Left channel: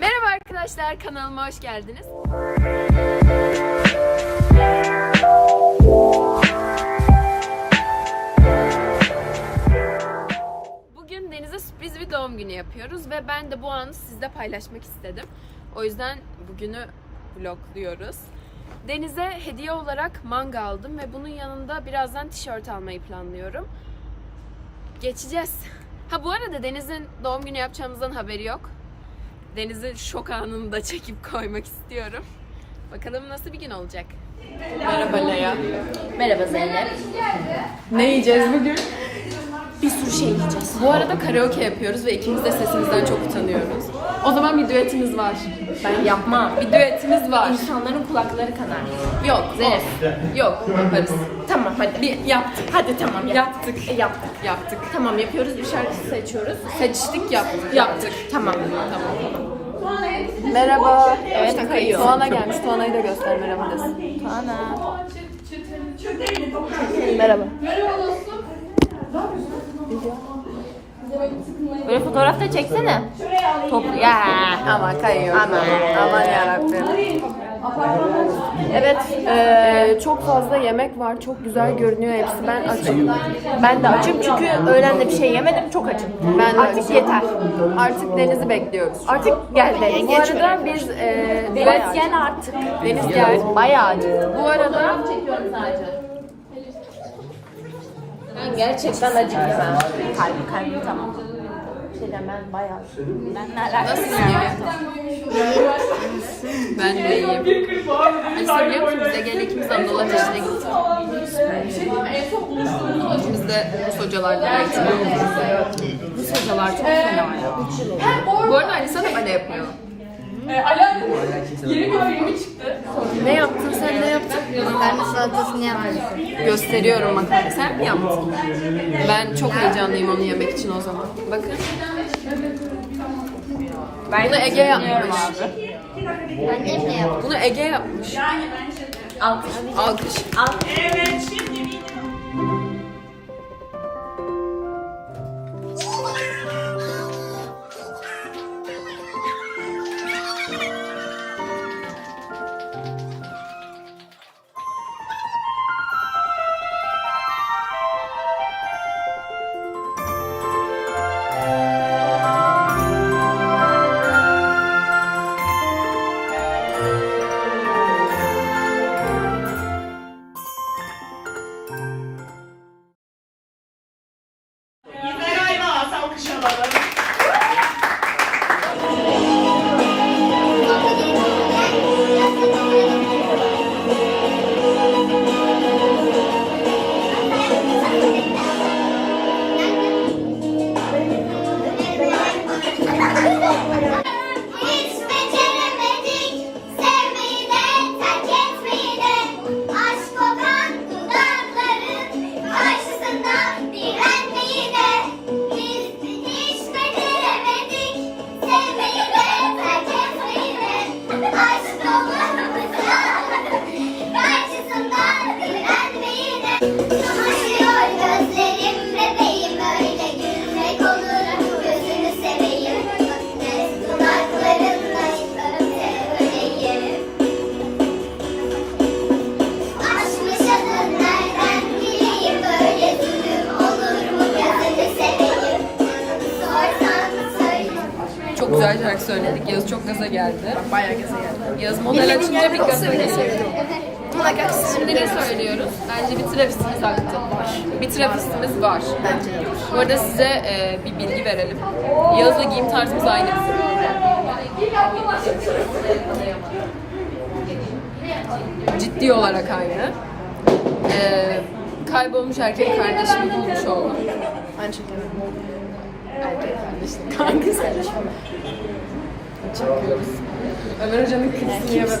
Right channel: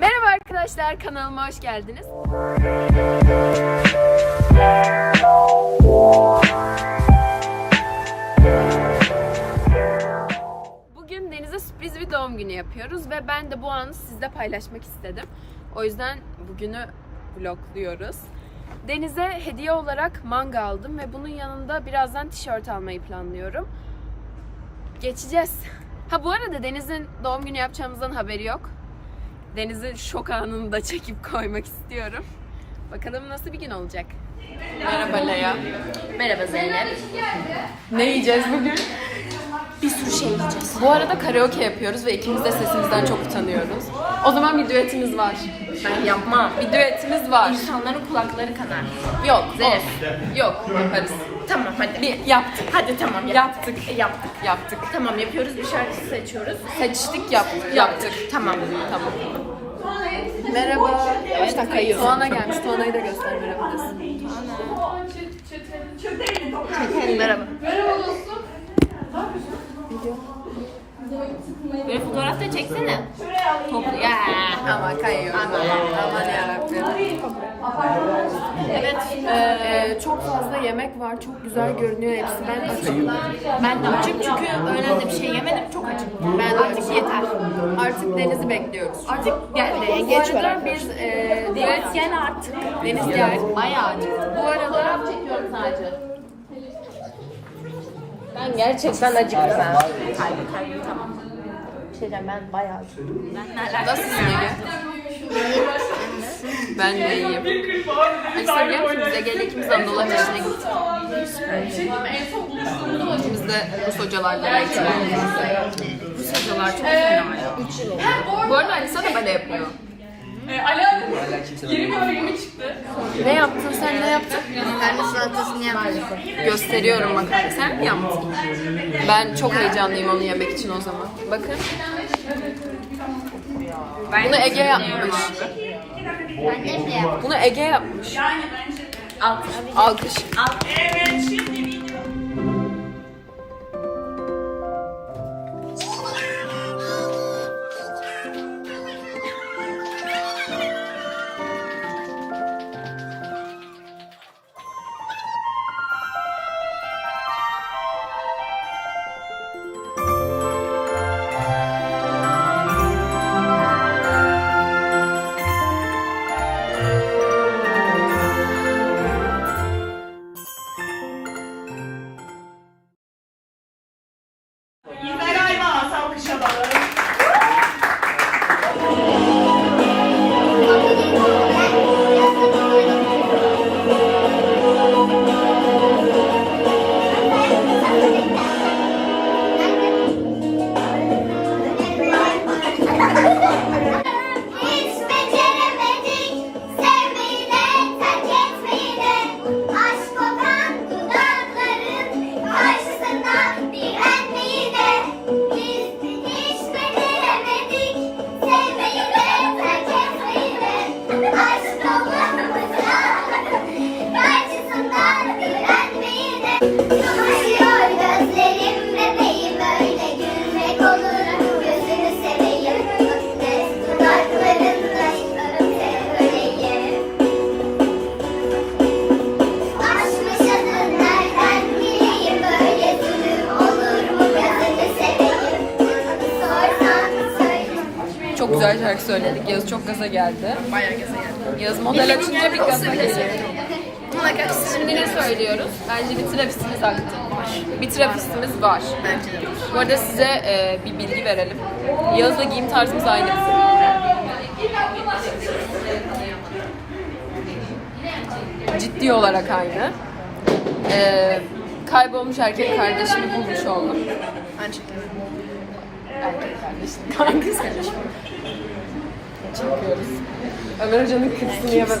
Merhaba arkadaşlar, kanalıma hoş geldiniz. Bugün Deniz'e sürpriz bir doğum günü yapıyoruz ve ben de bu anı sizle paylaşmak istedim. O yüzden bugünü vlogluyoruz. Deniz'e hediye olarak manga aldım ve bunun yanında birazdan tişört almayı planlıyorum. Geçeceğiz. Ha bu arada Deniz'in doğum günü yapacağımızdan haberi yok. Deniz'in şok anını da çekip koymak istiyorum. Bakalım nasıl bir gün olacak. Merhaba Leya. Merhaba Zeynep. Ne yiyeceğiz bugün? Bir sürü şey yiyeceğiz. Bu arada karaoke yapıyoruz ve ikimiz de sesimizden çok utanıyoruz. O zaman bir düetimiz var. Ben yapmam. Bir düetimiz var. İnsanların kulakları kanar. Yok, Zeynep. Yok, yaparız. Tamam hadi. Bir yaptık. Hadi tamam yap. Yaptık. E, yaptık. Yaptık. Tamam yapıyoruz bir şarkı seçiyoruz. Seçtik, yaptık. Yaptık. Tamam. Tamam. Merhaba. Yavaştan kayıyor. Tuana gelmiş. Tuana'yı da göster merhaba desin. Merhaba. Böyle fotoğraf da çeksene. Toplu. Ya. Aman kayıyor. Aman. Aman yarabbim. Evet. Ee, çok fazla yemek var. Çok güzel görünüyor hepsi. Ben açım. Ben de açım çünkü öğlende bir şey yemedim. Çok açım. Ben de Artık açım. yeter. Artık Deniz'i bekliyoruz. Artık gel Deniz. Bu arada biz e, Deniz gel artık. Deniz gel. Bayağı acıktım. Bu arada çekiyorum sadece. Ben gerçekten acıktım. Kalbim kalbim tamam. Bir şey ben bayağı. Ben Ege? Ben de iyiyim. Alisa biliyor musun biz Ege'yle ikimiz Anadolu Ateşi'ne gittik. İkimiz de Rus hocalarla eğitim aldık. Rus hocalar çok fena ya. Bu arada Alisa da bale yapıyor. Ne yaptın sen ne yaptın? Makarna salatasını yapmadım. Gösteriyorum makarna. Sen mi yaptın? Ben çok heyecanlıyım onu yemek için o zaman. Bakın. Bunu Ege yapmış. Annem de yaptı. Bunu Ege yapmış. Alkış. Alkış. İlber güzel şarkı söyledik. Yağız çok gaza geldi. Bayağı gaza geldi. Yağız model açınca bir gaza geliyor. Şimdi ne söylüyoruz? Bence bir trafistimiz aktı. Var. Bir trafistimiz var. Bence de var. Bu arada size e, bir bilgi verelim. Yağız'la giyim tarzımız aynı bizim. Ciddi olarak aynı. E, kaybolmuş erkek kardeşimi bulmuş oldum. Ben çekiyorum. Erkek kardeşim. Kankız kardeşim. Çekiyoruz. Ömer Hoca'nın kıpsını bak.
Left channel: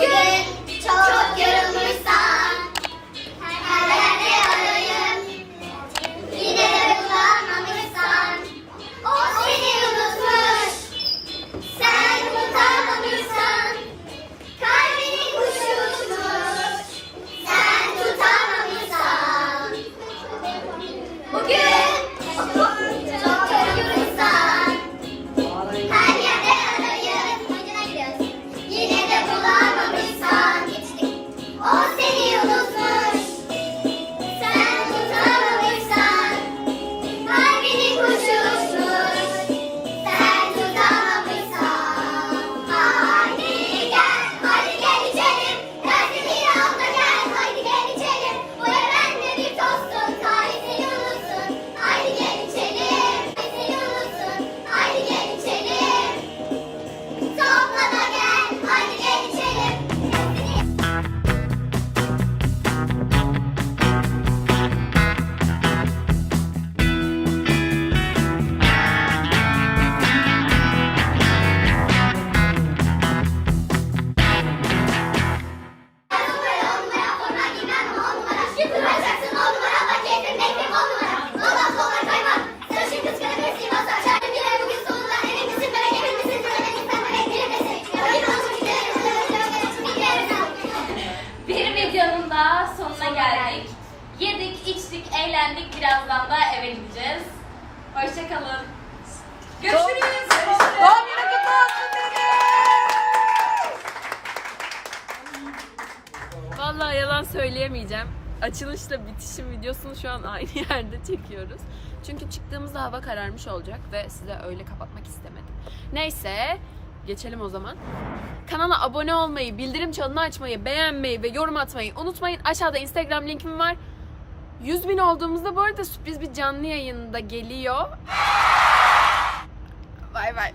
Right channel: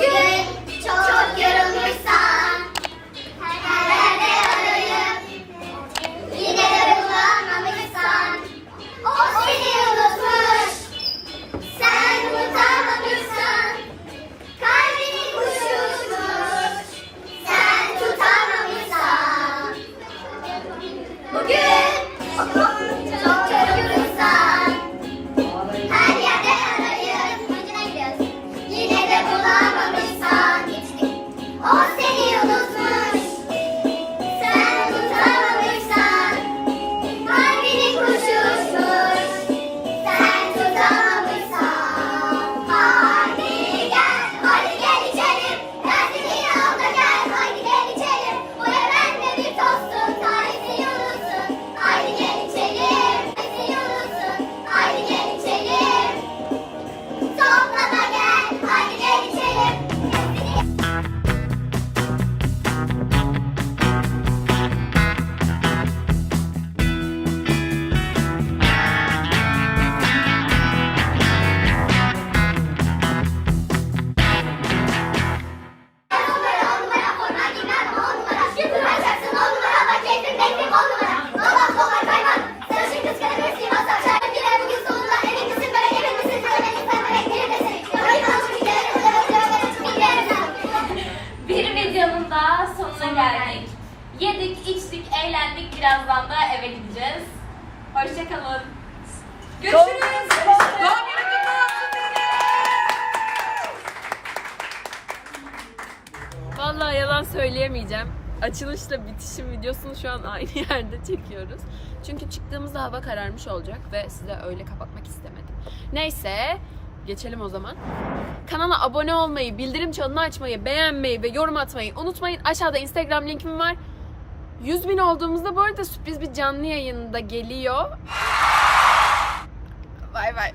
Bugün videonun da sonuna geldik. Yedik, içtik, eğlendik. Birazdan da eve gideceğiz. Hoşçakalın. Görüşürüz. Doğum günü kutlu olsun Vallahi yalan söyleyemeyeceğim. Açılışla bitişim videosunu şu an aynı yerde çekiyoruz. Çünkü çıktığımızda hava kararmış olacak ve size öyle kapatmak istemedim. Neyse, geçelim o zaman. Kanala abone olmayı, bildirim çanını açmayı, beğenmeyi ve yorum atmayı unutmayın. Aşağıda Instagram linkim var. 100 bin olduğumuzda bu arada sürpriz bir canlı yayında geliyor. Bay bay.